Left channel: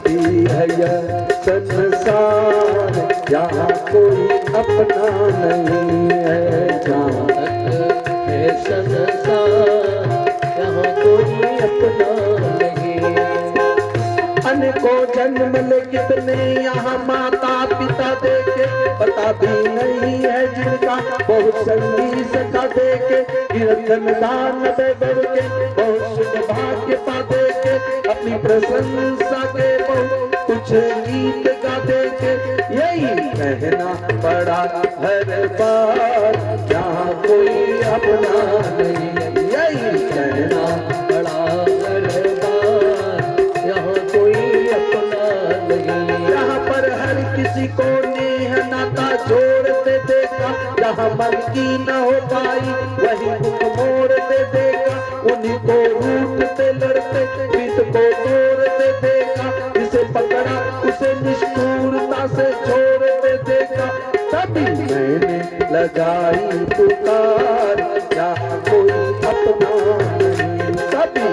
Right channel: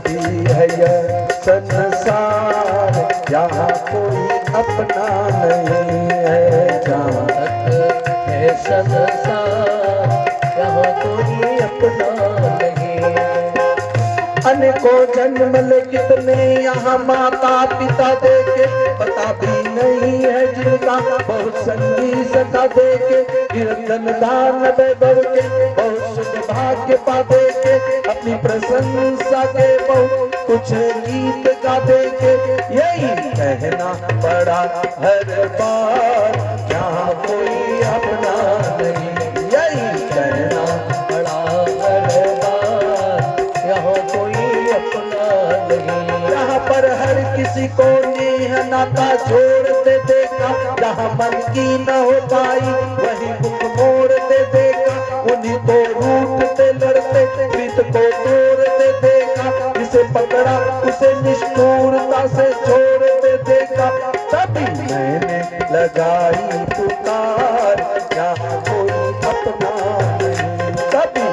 भी है यह संसार, यहाँ कोई अपना नहीं है। जहाँ है संसार, यहाँ कोई अपना नहीं। अनेकों जन्म ले कितने यहाँ माता पिता देखे, पता भी नहीं है जिनका बहुत संगी सखा देखे। कीर्तन दान दे बढ़ के बहुत सुख भाग्य पा देके, अपनी प्रशंसा के बहुत कुछ गीत गा देके। यही कहना पड़ा हर बार, यहाँ कोई अपना नहीं। यही कहना पड़ा हर बार, यहाँ कोई अपना नहीं। यहाँ पर हर किसी को नेह नाता जोड़ते देखा, जहाँ मन की न हो पाई वही मुख मोड़ते देखा। उन्हीं को रूठते लड़ते प्रीत को तोड़ते देखा, जिसे पकड़ा उसे निष्ठुरता से छोड़ते देखा। तभी मैंने लगाई पुकार, यहाँ कोई अपना नहीं। तभी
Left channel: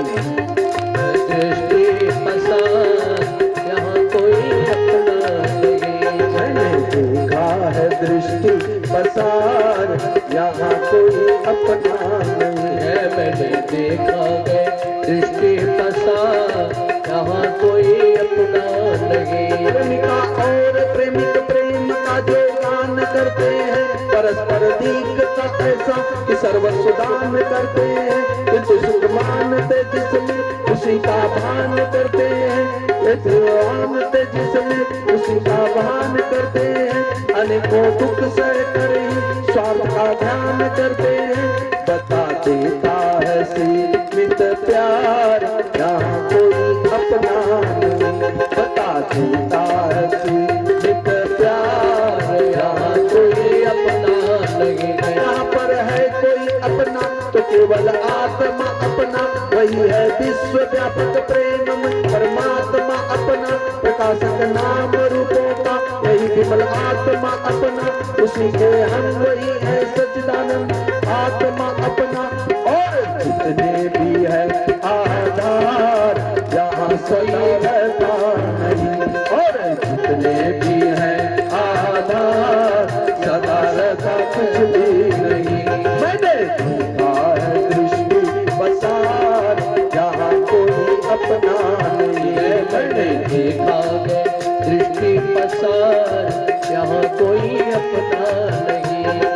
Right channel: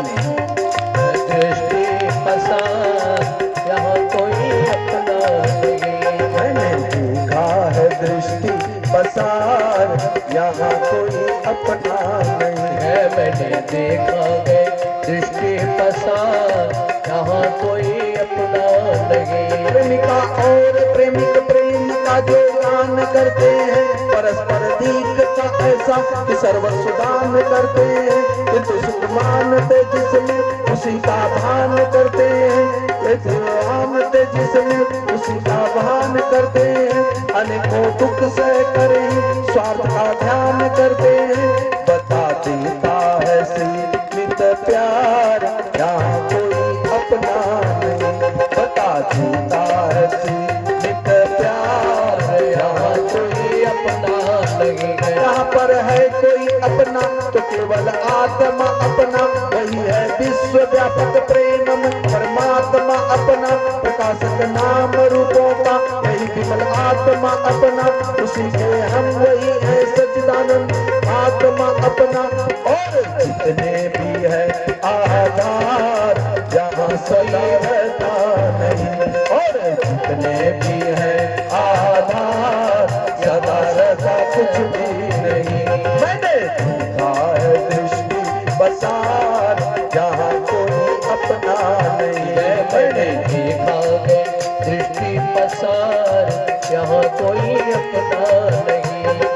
दृष्टि पसार, यहाँ कोई अपना नहीं। मैंने देखा है दृष्टि पसार, यहाँ कोई अपना नहीं है। मैंने देखा है दृष्टि पसार, यहाँ कोई अपना नहीं। प्रेमिका और प्रेमिक प्रेम का जो गान करते हैं, परस्पर दीखता ऐसा कि सर्वस्व दान करते हैं। किंतु सुख मानते जिसमें उसी का भान करते हैं, मानते जिसमें उसी का भान करते हैं। अनेकों दुख सह कर ही स्वार्थ का ध्यान करते हैं। बता देता है सीमित प्यार, यहाँ कोई अपना नहीं। बता देता है सीमित प्यार, यहाँ कोई अपना नहीं। यहाँ पर है कोई अपना तो केवल आत्मा अपना, वही है विश्व व्यापक प्रेम में परमात्मा अपना। प्रकाशक नाम रूपों का यही विमल आत्मा अपना, उसी में हम वही है सच्चिदानंद आत्मा अपना। और जितने भी है आधार, जहाँ सदा रहता नहीं। और जितने भी है आधार, सदा रहता कुछ भी नहीं। मैंने देखा है दृष्टि पसार, जहाँ कोई अपना नहीं है। मैंने देखा है दृष्टि पसार, यहाँ कोई अपना नहीं है।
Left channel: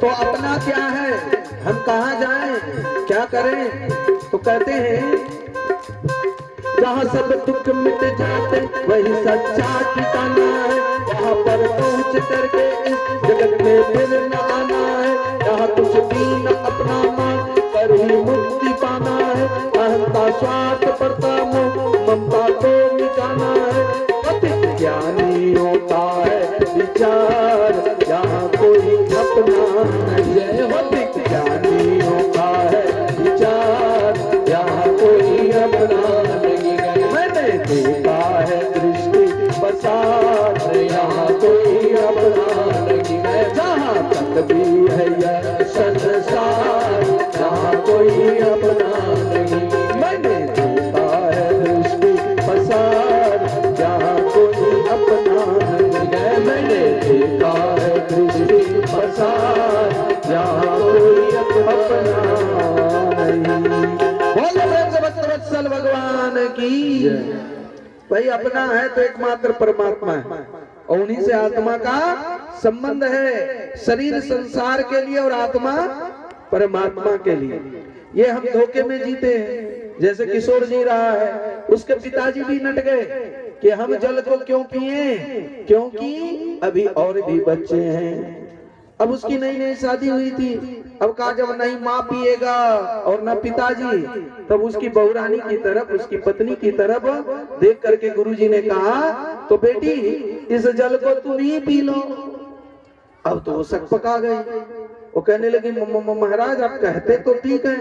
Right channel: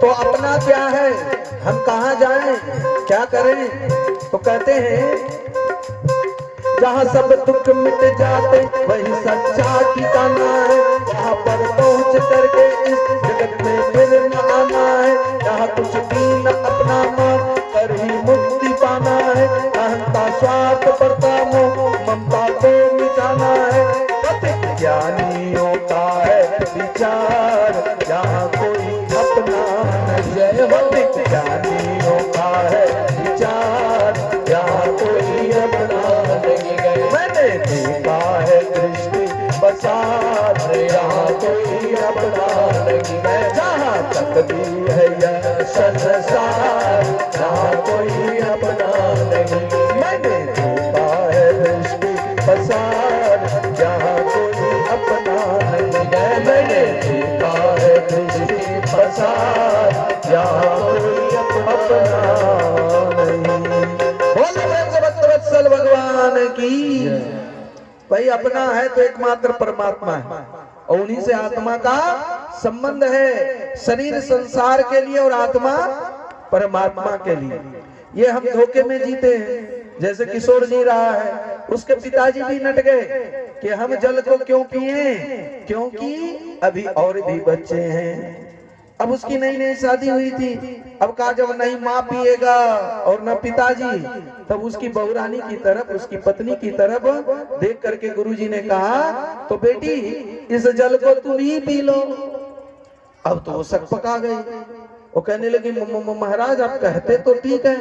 तो अपना क्या है, हम कहाँ जाएं, क्या करें? तो कहते हैं जहाँ सब दुख मिट जाते वही सच्चा ठिकाना है। वहाँ पर पहुँच करके इस जगत में फिर न आना है। जहाँ कुछ भी न अपनाना कर ही मुक्ति पाना है। अहंता स्वार्थ परता मोह ममता को मिटाना है। अधिक ज्ञानियों का है विचार, यहाँ कोई अपना नहीं है। अधिक ज्ञानियों का है विचार, यहाँ कोई अपना नहीं है। मैंने देखा है दृष्टि पसार, यहाँ कोई अपना नहीं है। जहाँ तक भी है यह संसार, यहाँ कोई अपना नहीं। मैंने देखा है दृष्टि पसार, यहाँ कोई अपना नहीं है। मैंने देखा है दृष्टि पसार, यहाँ कोई अपना नहीं। बोलो वत्सल भगवान की। भाई अपना है तो एकमात्र परमात्मा है, और उन्हीं से आत्मा का संबंध है। शरीर संसार के लिए और आत्मा परमात्मा के लिए। ये हम धोखे में जीते हैं। जैसे किशोर जी रहा है, उसके पिताजी भी नट गए कि हम जल को क्यों पिए, क्योंकि अभी और भी बच्चे हैं। अब उसकी नई नई शादी हुई थी। अब कहा जब नहीं माँ पिएगा और न पिताजी, तब उसकी बहुरानी की तरफ, उसकी पत्नी की तरफ देख करके गुरुजी ने कहा, तो बेटी इस जल को तुम ही पी लो। अब तो वो शक पका गई। वो कहने लगी महाराज आप कहते तो ठीक है,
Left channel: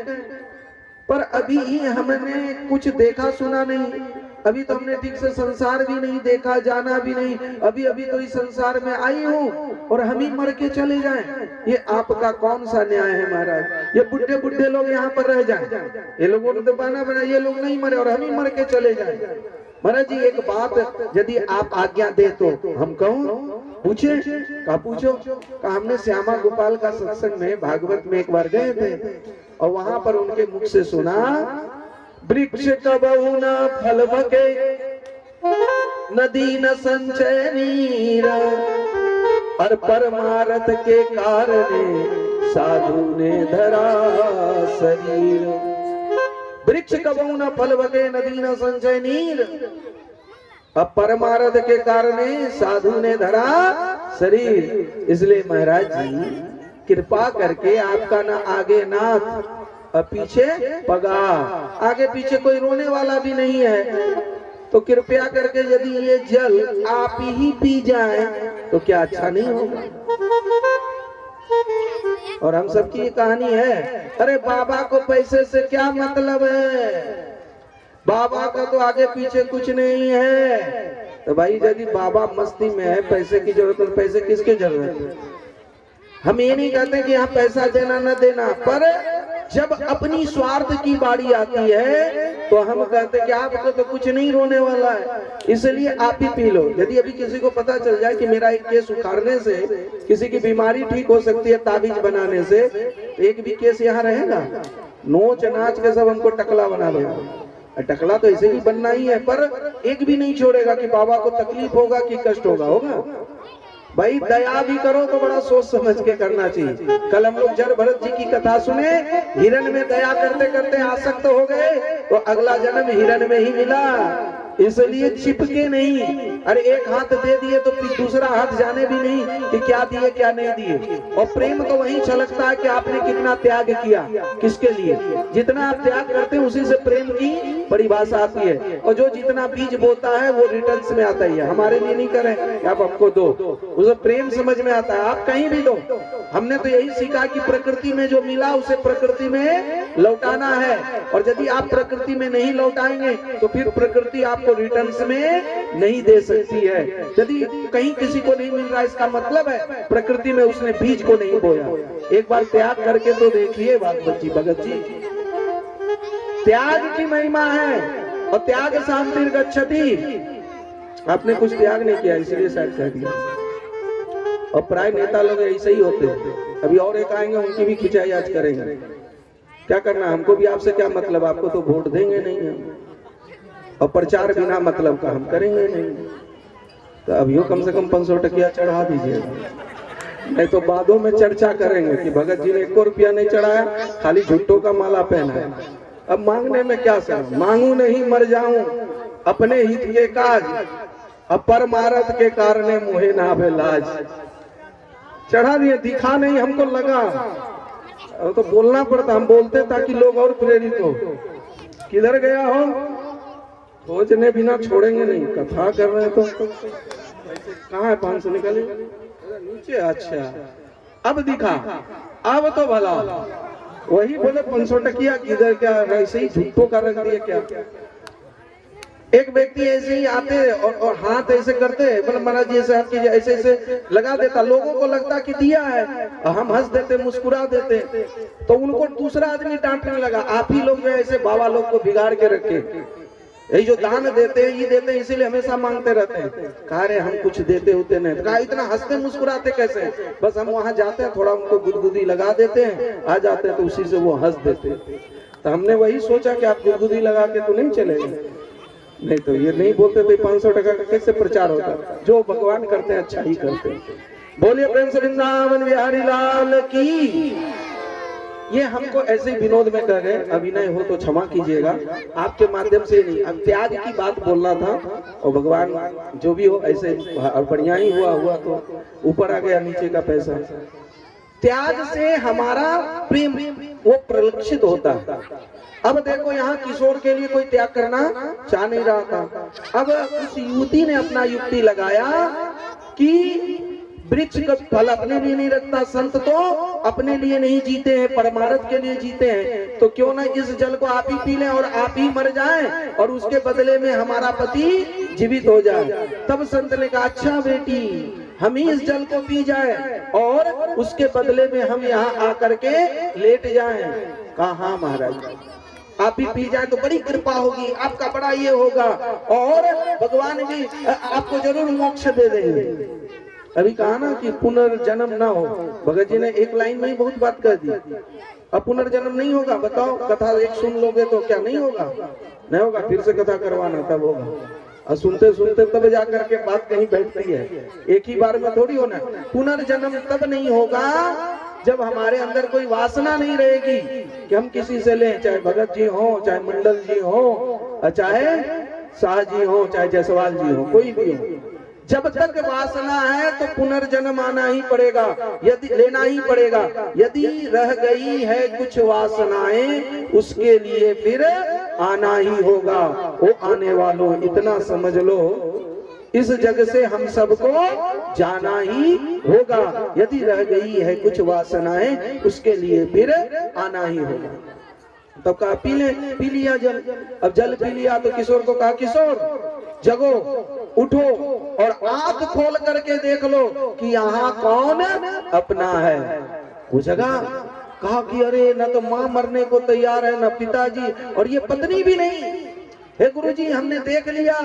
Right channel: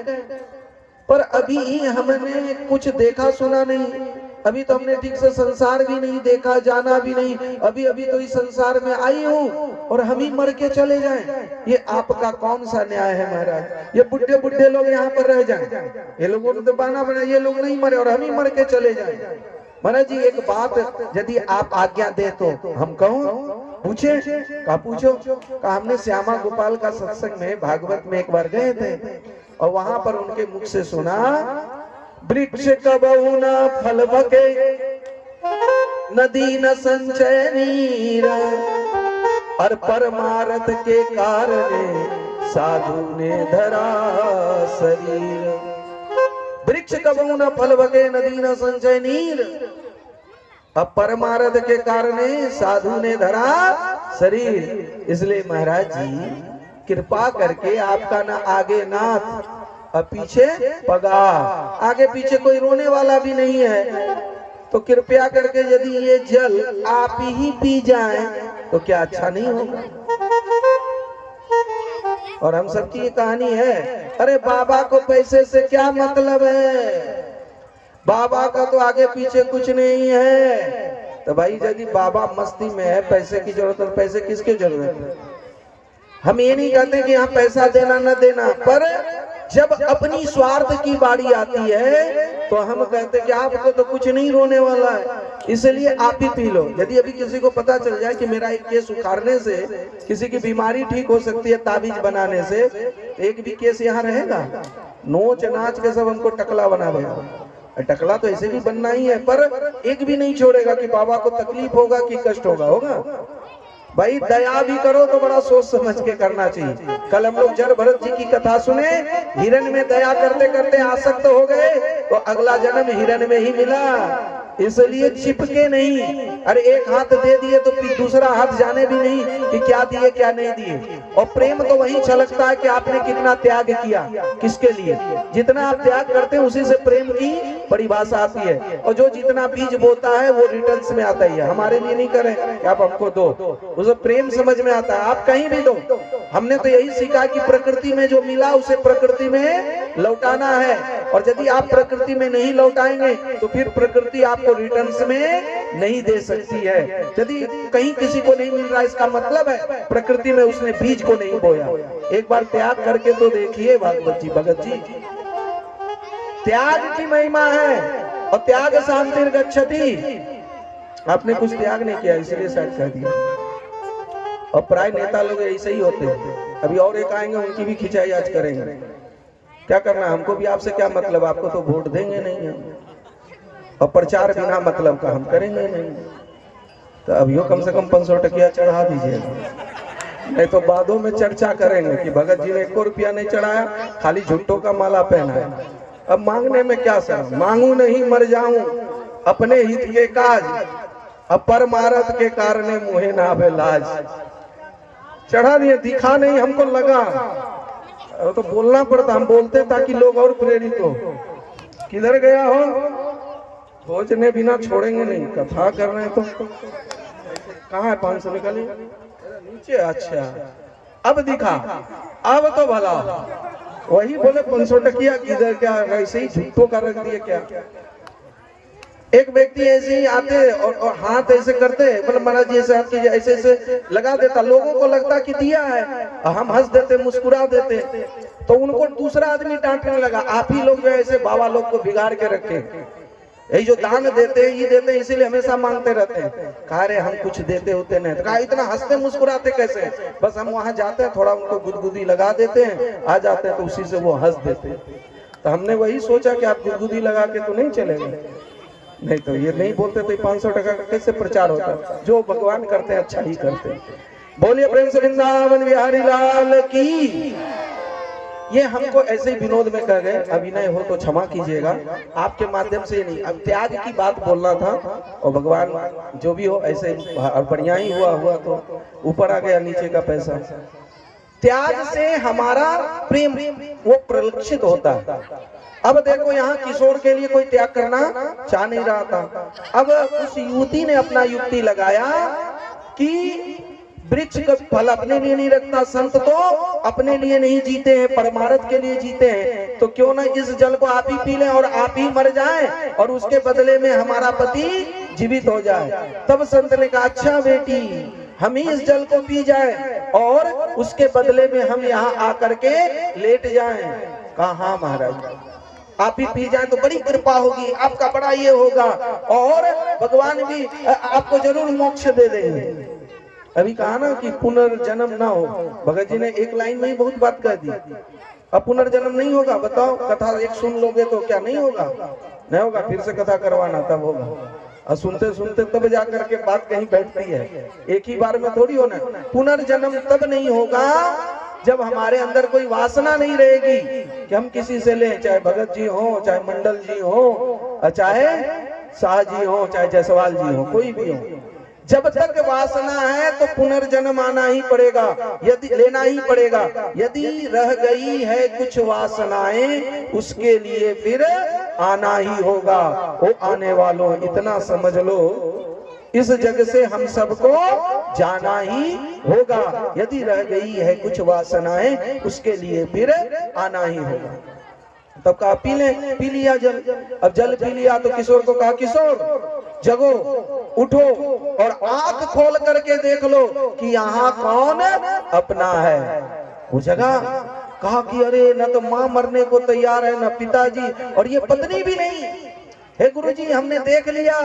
पर अभी हमने कुछ देखा सुना नहीं, अभी तो हमने ठीक से संसार भी नहीं देखा, जाना भी नहीं, अभी अभी तो इस संसार में आई हूँ और हम ही मर के चले जाएं, ये आपका कौन सा न्याय है महाराज? ये बुढ़े बुढ़े लोग यहाँ पर रह जाएं, ये लोगों ने तो बहाना बनाया, ये लोग नहीं मरे और हम ही मर के चले जाएं। महाराज जी एक बात यदि आप आज्ञा दे तो हम कहूँ? पूछे? कहा पूछो। कहा हमने श्यामा गोपाल का सत्संग में भागवत में एक बार गए थे और वहां पर उनके मुख से सुना, वृक्ष कबहु न फल बके, नदी न संचय नीर, और परमारथ के कारण साधु ने धरा शरीर। वृक्ष कबहु न फल बके, नदी न संचय नीर, अब परमारथ के कारण साधु ने धरा शरीर। इसलिए महाराज जी कृपा करके आपका ना आगे नाथ और पीछे पगा, आगे पीछे कोई रोने वाला भी नहीं है, तो कृपया करके यदि ये जल आप ही पी जाएं तो क्या अच्छा नहीं होगा? और हम सबकी ये कहानी है, अरे बाबा को पैसे से क्या मतलब है, बाबा का तो आगे पीछे कुछ नहीं है। तो भाई यदि बाबा मस्ती में है, पैसे की जरूरत है, पैसे किसकी जरूरत है? हम ये नहीं कहते कि यहाँ पैसा देना न देना, पर जब अपनी स्वार्थ की बारी आती है तो हम कहते कि आपको तो कुछ नहीं रोने वाला है, इसलिए आप ही पी लो। यदि अभी किसी को पता चल जाए कि मेरा एक केस उखाड़ने से किसी की बीमारी ठीक हो सकती है, ताबीज बनाने से, एक भी केस यहाँ रहेगा? नोच नाच के सब हमको टकला बना देगा। टकला तो ऐसे भी बनना ही है, पर एक भी नहीं छोड़ेगा कि बाबा को तकलीफ होगा कि कष्ट होगा। भाई दया भी करो तो बड़ा सोच समझ के करना चाहिए। कल हम लोग जड़ भरत जी की कथा सुने, हिरण में दया करते करते आसक्त हो गए तो अगला जन्म हिरण में ही मिला। इसलिए चिपके नहीं, अरे एक हाथ दे दिए तो फिर दूसरा हाथ जाने भी नहीं कि क्या दिए क्या नहीं दिए। और प्रेम तो वही छलकता है कि आपने कितना त्याग किया, किसके लिए। जितना आप त्याग करते हैं उसी से प्रेम की परिभाषा आती है, और जो जितना बीज बोता है वो रिटर्न्स में आता ही है। हमारे लिए नहीं करें कि आप हमको दो, उसे प्रेम समझ में आता है, आप कहीं भी दो। हमने तो यही सीखा कि प्रकृति में जो मिला उसे प्रकृति में लौटाना है, और यदि आप प्रकृति में नहीं लौटाएंगे तो फिर प्रकृति आपको रिटर्न्स में नहीं दे सकती है। यदि कहीं किसी को नहीं मिल रहा, इसका मतलब है प्रकृति में उसने बीज को नहीं बोया। एक बार त्याग करके तो देखिए भागवत जी, भगत जी, त्याग की महिमा है। और त्याग शांति गच्छति, आपने कुछ त्याग नहीं किया इसलिए शायद कह दिया। और प्राय नेता लोग ऐसे ही होते हैं। अभी और एक आएंगे, उनकी भी खिंचाई आज करेंगे। क्या करना, हमको भी आपसे क्या मतलब, आपको तो वोट देंगे नहीं हम, और प्रचार बिना मतलब का हम करेंगे नहीं। तो अभियो कम से कम 500 टकिया चढ़ा दीजिएगा, नहीं तो बादों में चर्चा करेंगे कि भगत जी ने 1 रुपया नहीं चढ़ाया, खाली झुट्टों का माला पहना है। अब मांगने में क्या सर, मांगू नहीं मर जाऊं अपने हित के काज, अब परमारथ के कारणे मुहे ना आवे लाज। चढ़ा दिए, दिखा नहीं, हमको लगा तो बोलना पड़ता, हम बोलते ताकि लोग और प्रेरित हो। किधर गया हो, सोचने बिना छोड़ेंगे नहीं, कथा कर रहे हैं तो कहाँ है 500 निकले नीचे। अच्छा अब दिखा, अब तो भला वही बोले 500 टकिया किधर, क्या ऐसे ही झूठों का रख दिए क्या। एक व्यक्ति ऐसे ही आते और हाथ ऐसे करते, मतलब महाराज जी ऐसे हाथ कीजिए, ऐसे ऐसे लगा देता, लोगों को लगता कि दिया है, हम हंस देते, मुस्कुरा देते, तो उनको दूसरा आदमी डांटने लगा, आप ही लोग जो ऐसे बाबा लोग को बिगाड़ के रखे, यही जो दान देते हैं ये देते हैं इसीलिए हमेशा मांगते रहते हैं। कहा रे हम कुछ देते होते नहीं, तो कहा इतना हंसते मुस्कुराते कैसे, बस हम वहां जाते हैं, थोड़ा उनको गुदगुदी लगा देते हैं, आ जाते हैं तो उसी से वो हंस देते हैं। तो हमने वही सोचा कि आप गुदगुदी लगा के तो नहीं चलेंगे, नहीं तो ये नहीं बोलते तो 500 टका का कैसे प्रचार होता। जो भगवान करते हैं अच्छा ही करते हैं। बोलिए प्रेम से वृंदावन बिहारी लाल की। ये हमको ऐसे ही विनोद में कह गए, अभिनय हो तो क्षमा कीजिएगा, आपके माध्यम से नहीं। अब त्याग की बात बोलना था, और भगवान जो भी हो ऐसे, और बढ़िया ही हुआ तो ऊपर आ गया नीचे का पैसा। त्याग से हमारा प्रेम वो प्रलक्षित होता है। अब देखो यहाँ किशोर के लिए कोई त्याग करना चाह नहीं रहा था। अब उस युवती ने अपना युक्ति लगाया कि वृक्ष का फल अपने लिए नहीं रखता, संत तो अपने लिए नहीं जीते हैं, परमार्थ के लिए जीते हैं, तो क्यों ना इस जल को आप ही पी लें और आप ही मर जाएं और उसके बदले में हमारा पति जीवित हो जाए। तब संत ने कहा अच्छा बेटी, हम ही इस जल को पी जाए और उसके बदले में हम यहाँ आकर के लेट जाएं। कहा हाँ महाराज, आप ही पी जाए तो बड़ी कृपा होगी, आपका बड़ा ये होगा और भगवान भी आपको जरूर मोक्ष दे देंगे। अभी कहा ना कि पुनर्जन्म ना हो, भगत जी ने एक लाइन में ही बहुत बात कह दी। अब पुनर्जन्म नहीं होगा, बताओ कथा एक सुन लोगे तो क्या नहीं होगा? नहीं होगा, फिर से कथा करवाना तब होगा। और सुनते सुनते तब जाकर के बात कहीं बैठती है, एक ही बार में थोड़ी होना। पुनर्जन्म तब नहीं होगा जब हमारे अंदर कोई वासना नहीं रहेगी कि हम किसी से लें, चाहे भगत जी हो, चाहे मंडल जी हो, चाहे शाह जी हो, चाहे जायसवाल जी हो, कोई भी हो। जब तक वासना है तो पुनर्जन्म आना ही पड़ेगा, यदि लेना ही पड़ेगा। यदि रह गई है कुछ वासनाएं उसके लिए फिर आना ही होगा। वो आने वालों इतना समझ लो, इस जग से हम सबको जाना ही होगा। यदि रह गई है कुछ वासनाएं उसके लिए फिर आना ही होगा। तो कहा पी ले, पी लिया जल। अब जल पी लिया तो किशोर को कहा किशोर जगो, उठो और आंख खोल करके देख लो कि यहाँ कौन अपना है। वो जगह कहा कि अरे न तो माँ मरने को तैयार है, न पिताजी, और ये पत्नी भी नहीं। हे गुरुजी, हमने देख लिया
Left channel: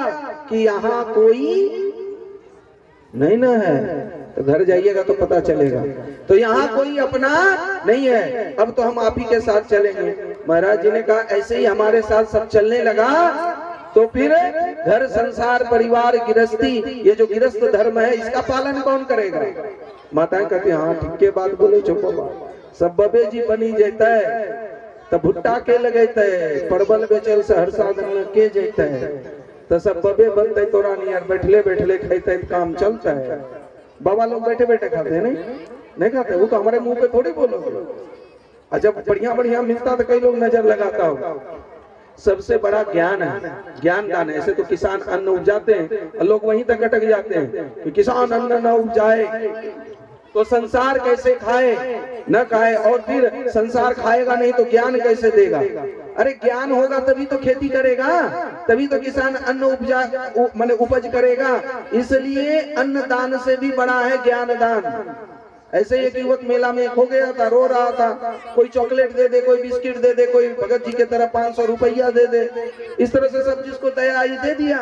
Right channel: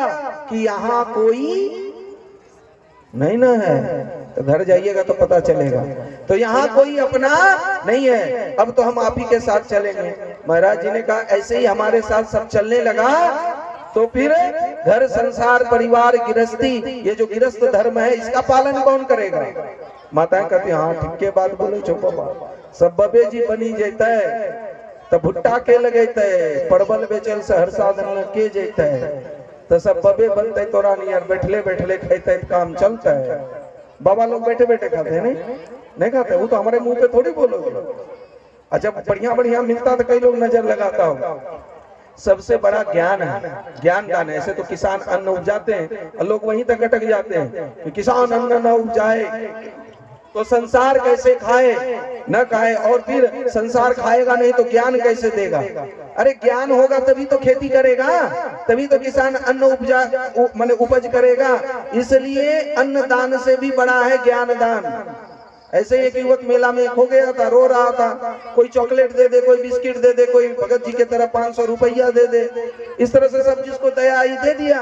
कि यहाँ कोई नहीं ना है, तो घर जाइएगा तो पता चलेगा। तो यहाँ कोई अपना नहीं है, अब तो हम आप ही के साथ चलेंगे। महाराज जी ने कहा ऐसे ही हमारे साथ सब चलने लगा तो फिर घर संसार परिवार गृहस्थी, ये जो गृहस्थ धर्म है इसका पालन कौन करेगा? माताएं कहती हाँ ठीक के बात बोलो, चुप सब बबे जी बनी जाता है, तो भुट्टा के लगता है, परवल बेचल से हर साधन के जाता है, तो सब बबे बनते तो रानी यार बैठले बैठले खाते काम चलता है। बाबा लोग बैठे बैठे खाते हैं नहीं खाते, वो तो हमारे मुंह पे थोड़ी बोलोगे। और जब बढ़िया बढ़िया मिलता तो कई लोग नजर लगाता होगा। सबसे बड़ा ज्ञान है, ज्ञान दान है। ऐसे तो किसान अन्न उपजाते हैं और लोग वहीं तक अटक जाते हैं कि किसान अन्न न उपजाए तो संसार कैसे खाए, न खाए, और फिर संसार खाएगा नहीं तो ज्ञान कैसे देगा? अरे ज्ञान होगा तभी तो खेती करेगा, तभी तो किसान अन्न माने उपज करेगा। इसलिए अन्न दान से भी बड़ा है ज्ञान दान। ऐसे एक युवक मेला में खो गया था, रो रहा था, कोई चॉकलेट दे दे, कोई बिस्किट दे दे, कोई भगत जी के तरह 500 रुपया दे दे, इस तरह से सब जिसको दया आई दे दिया।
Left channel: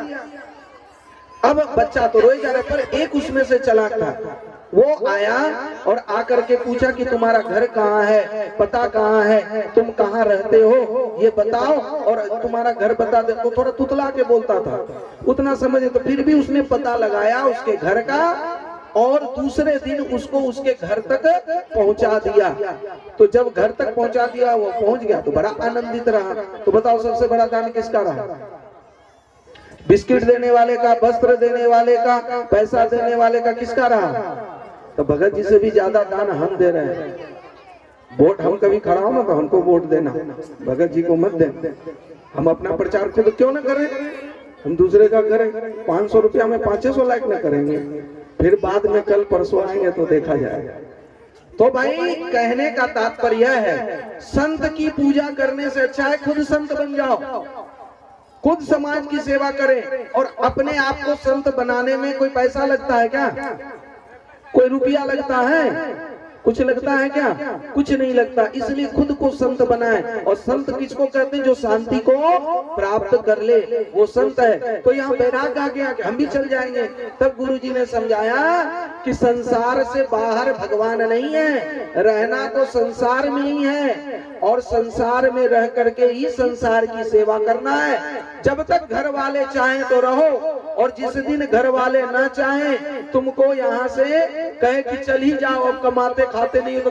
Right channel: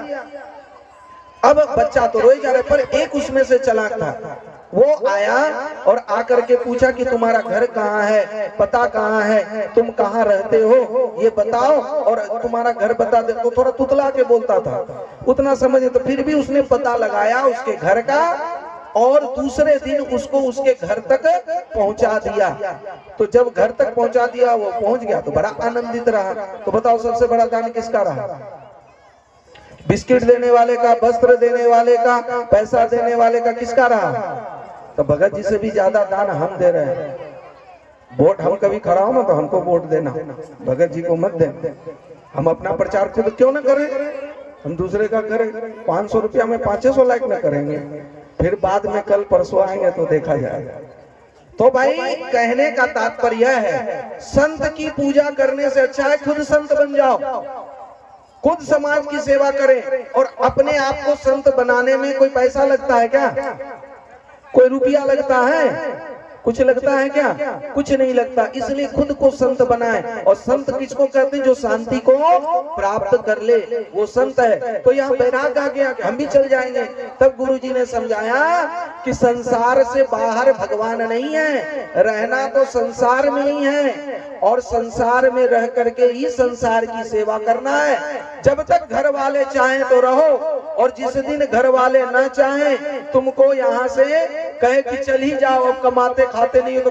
अब बच्चा तो रोई जा रहा, पर एक उसमें से चालाक था, वो आया और आकर के पूछा कि तुम्हारा घर कहाँ है, पता कहाँ है, तुम कहाँ रहते हो ये बताओ और तुम्हारा घर बता दे। तो थोड़ा तुतला के बोलता था, उतना समझे, तो फिर भी उसने पता लगाया उसके घर का और दूसरे दिन उसको उसके घर तक पहुंचा दिया। तो जब घर तक पहुंचा दिया, वो पहुंच गया तो बड़ा आनंदित रहा। तो बताओ सबसे बड़ा दान किसका रहा? बिस्किट देने वाले का, वस्त्र देने वाले का, पैसा देने वाले का, किसका रहा? तो भगत जी से भी ज्यादा दान हम दे रहे हैं। वोट हम कभी खड़ा हो ना तो हमको वोट देना, भगत जी को मत देना। हम अपना प्रचार खुद क्यों ना करें, हम दूसरे का करें। 500 रुपया में 500 लाइक न करेंगे, फिर बाद में कल परसों आएंगे तो देखा जाएगा। तो भाई कहने का तात्पर्य है, संत की पूजा करने से अच्छा है खुद संत बन जाओ, खुद समाज की सेवा करें। और अपने आप को संत बनाने में कोई पैसा लगता है क्या? कोई रुपया लगता है? कुछ लगता है क्या? कुछ नहीं लगता। इसलिए खुद को संत बनाए। और संत किसको कहते हैं? जो शांति को प्राप्त कर ले, वो संत है। तो यहाँ बैराग आ गया कि हम भी चल जाएंगे। तब गुरुजी ने समझाया कि संसार से बाहर भगवान नहीं है, रहना तो संसार में ही है और संसार में रह करके ही संसार की सेवा करना है। जब तक घर वाले चाहें तो रहो, और जिस दिन घर वाले ना चाहें, तुमको यहाँ से कहे कि चल ही जाओ, अब कमाते खाते नहीं हो तो